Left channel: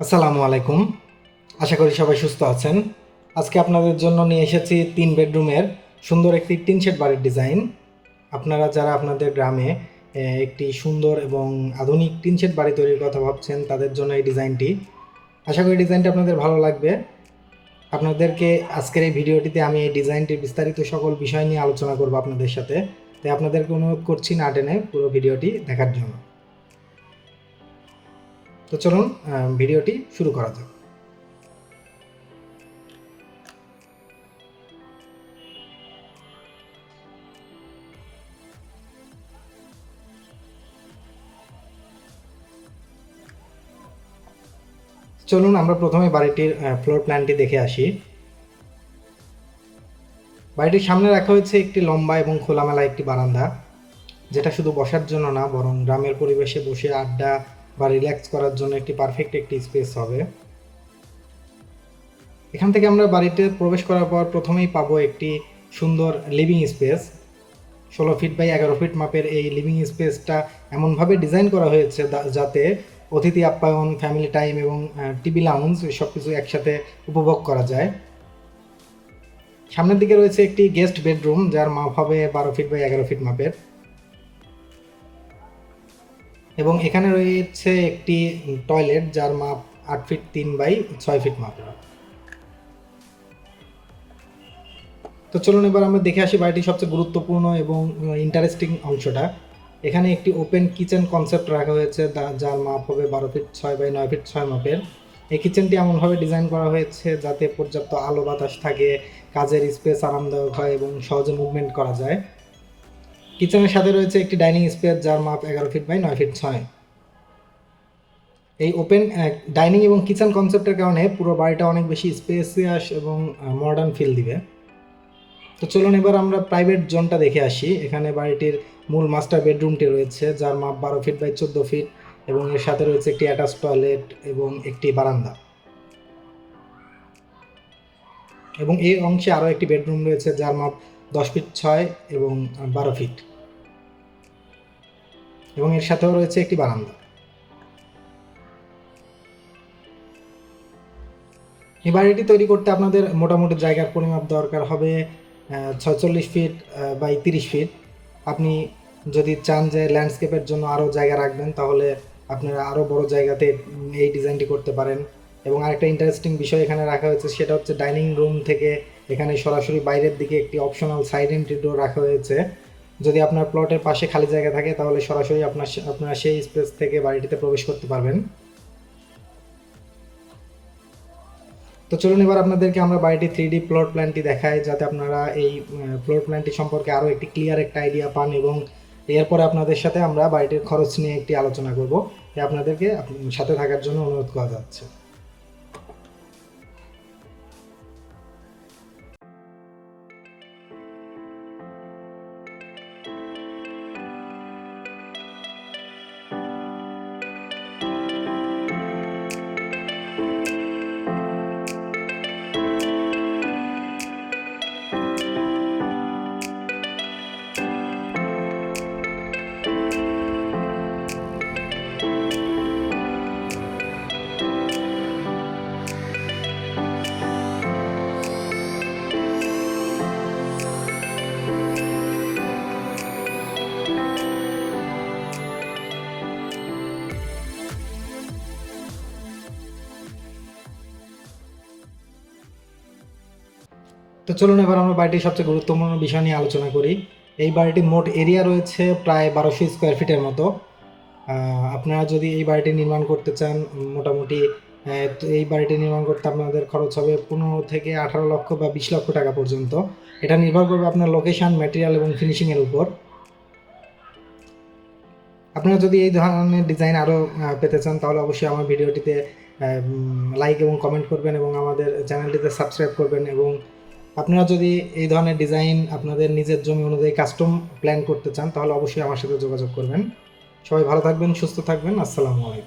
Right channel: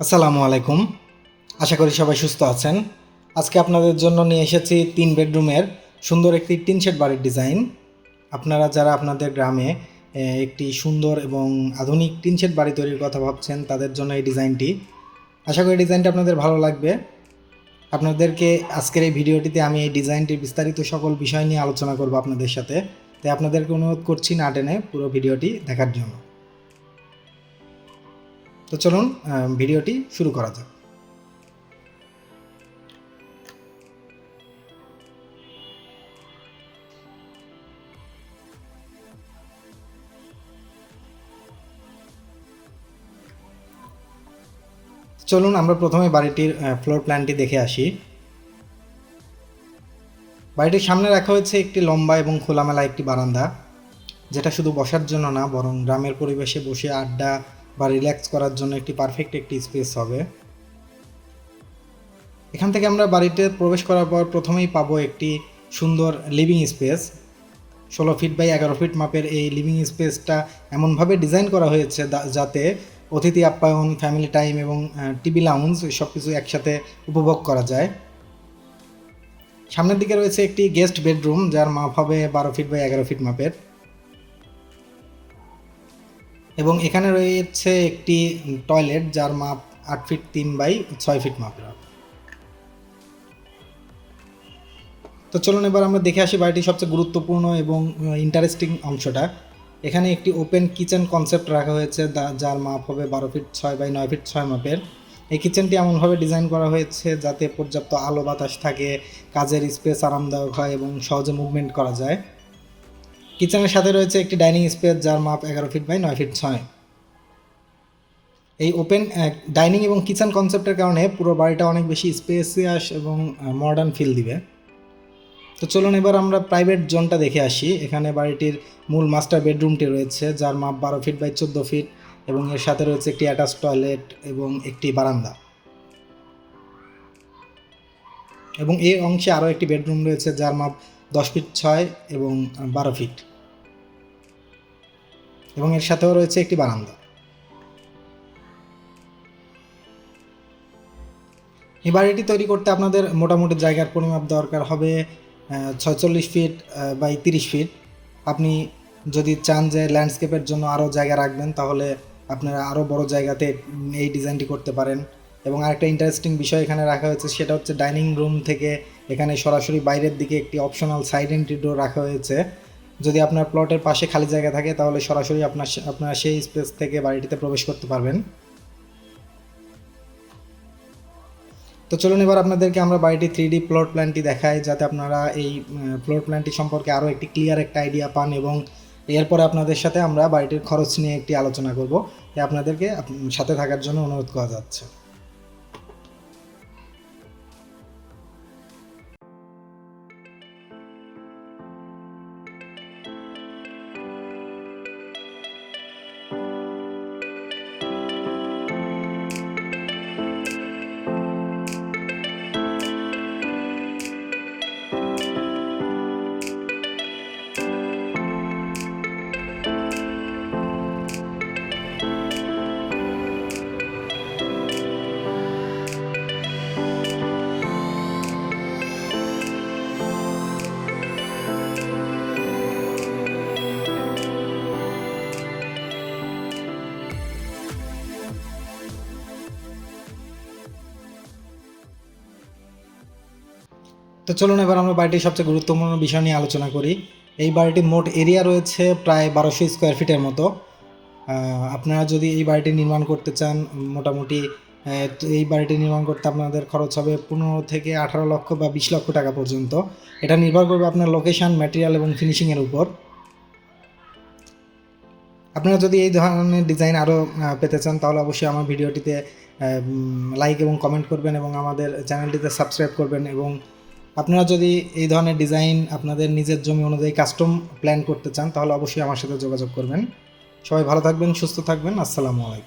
আসসালামু আলাইকুম। আশা করি সবাই সুস্থ আছেন। আজকে আপনাদের জন্য নিয়ে এসেছি 3 বেডরুমের সুন্দর একটি টিন শেড বাড়ির ডিজাইন। আপনারা যারা আপনাদের গ্রামে একটি সুন্দর এবং আধুনিক টিন শেড বাড়ি তৈরির কথা ভাবছেন, তাদের জন্য এই ডিজাইনটি। আশা করি ডিজাইনটা আপনাদের ভালো লাগবে। আপনাদেরকে আজকের এই ভিডিওটিতে আমি এই ডিজাইনটির বিস্তারিত সকল বিষয় নিয়ে আলোচনা করব আপনাদের সাথে। তাই আপনাদেরকে অনুরোধ করছি না টেনে পুরো ভিডিওটি দেখার জন্য। তো চলুন ভিডিওটি শুরু করা যাক। চলুন আমরা প্রথমে বাড়িটির ফ্লোর প্ল্যানটি দেখে আসি। বাড়িটির সামনে রাখা হয়েছে একটি লম্বা এবং খোলামেলা একটি বারান্দা, যেটা শুধু বসার জন্য না, বরং গ্রামের পরিবেশে বসে আড্ডা বা রিল্যাক্স করার জন্য একটি পারফেক্ট একটি স্পেস হবে। এখান থেকে আমরা বাড়িতে প্রবেশ করার পর প্রথমেই পাবো একটি সুন্দর living space. 16 feet by 11 feet মাপের এই লিভিং স্পেসটা এমনভাবে ডিজাইন করা হয়েছে যাতে অতিথি আপ্যায়ন, ফ্যামিলি টাইম এবং টিভি লাউঞ্জ সব কিছু একসাথে উপভোগ করা যায়। সামনের দিকে রয়েছে একটি গেস্ট বেডরুম, যার মাপ হবে 12 ফিট বাই 11 ফিট মাপের, এবং এখানে রয়েছে একটি টয়লেট যার মাপ 8 ফিট 3 বাই 6 ফিট মাপের। তো চলুন এবার আমরা দেখে আসি বাড়িটির সবচেয়ে গুরুত্বপূর্ণ এবং ইন্টারেস্টিং অংশটা। এখানে একটি ওপেন কিচেন কনসেপ্ট রাখা হয়েছে যার মাপ হবে 12 ফিট 6 বাই 9 ফিট 6 মাপের। এই কিচেনটি এমনভাবে ডিজাইন করা হয়েছে যাতে পর্যাপ্ত আলো বাতাস থাকে, কাজের স্পেস আরামদায়ক হয় এবং সহজে মুভমেন্ট করা যায়। কিচেনের সাথে রয়েছে একটি ডাইনিং স্পেস যার মাপ 11 ফিট বাই 9 ফিট 6। এই ওপেন ডাইনিং এবং কিচেন কনসেপ্টের কারণে পুরো বাড়িটা অনেক বেশি স্পেসিয়াস এবং মডার্ন ফিল দিবে। তো চলুন এবার আমরা প্রাইভেট জোনটা দেখে আসি। এখানে বাড়িটির মূল মাস্টার বেডরুমটি রয়েছে যার মাপ 12 ফিট বাই 14 ফিট, এবং এর সাথে রয়েছে একটি অ্যাটাচ টয়লেট এবং একটি বারান্দা। এবং এই অংশে আরও একটি বেডরুম রয়েছে যার মাপ 10 ফিট 6 এবং 12 ফিট, এবং এর সাথেও রয়েছে একটি বারান্দা। এই বাড়িটি তৈরি করতে আপনাদের মোটামুটি জায়গার পরিমাপ দরকার হবে 46 ফিট বাই 30 ফিট। আপনি যদি চান যে ল্যান্ডস্কেপের জন্য আরও জায়গা রাখবেন, তাহলে আপনারা আরও বড় জায়গাতে এই ডিজাইনটি করতে পারেন। এবং আরেকটা ইন্টারেস্টিং বিষয় এখানে রাখা হয়েছে, সেটা হচ্ছে ডাইনিং রুম থেকে এখানে সরাসরি বাইরের দিকে একটি অপশনাল সাইড এন্ট্রি ডোর রাখা হয়েছে। যদি আপনার প্লটের পাশে খালি জায়গা থাকে, তাহলে সরাসরি আপনারা সেই স্পেস থেকে বাড়িটিতে প্রবেশ করতে পারবেন। তো চলুন এবার আপনাদেরকে আমরা বাড়িটি 3D প্লট প্ল্যানটি দেখাই, যাতে আপনারা এই প্লট প্ল্যানটি সম্পর্কে আরও একটি ক্লিয়ার একটা আইডিয়া পান, এবং এরপরে আপনাদের সাথে আমরা বাড়িটির খরচ নিয়ে একটি আলোচনা করব। তাই আপনাদেরকে সাথে থাকার জন্য অনুরোধ করা যাচ্ছে। তো চলুন এবার আমরা বাড়িটির সবচেয়ে গুরুত্বপূর্ণ বিষয় নিয়ে আলোচনা করি। এই বাড়িটির মোট এরিয়া রয়েছে প্রায় 1200 স্কোয়ার ফিটের মতো। আপনারা যদি এই বাড়িটি নির্মাণ করতে চান, মোটামুটি এই বাড়িটি নির্মাণ করতে আপনাদের খরচ হবে 15 থেকে 18 লক্ষ বা 20 লক্ষ টাকা পর্যন্ত। এটা নির্ভর করবে আপনার লোকেশান, ম্যাটেরিয়াল এবং ফিনিশিংয়ের উপর। আপনারা যদি এই ধরনের ডিজাইন আরও পেতে চান, তাহলে অবশ্যই আমার ভিডিওটিতে লাইক এবং কমেন্ট করবেন, এবং আমাদের চ্যানেলটিতে সাবস্ক্রাইব করবেন। এবং আপনারা যদি এই ধরনের ডিজাইন আপনাদের নিজের জমি অনুযায়ী কাস্টম প্ল্যান করতে চান, তাহলে অবশ্যই আমার সাথে যোগাযোগ করবেন। সবাই ভালো থাকবেন, সুস্থ থাকবেন। আসসালামু আলাইকুম।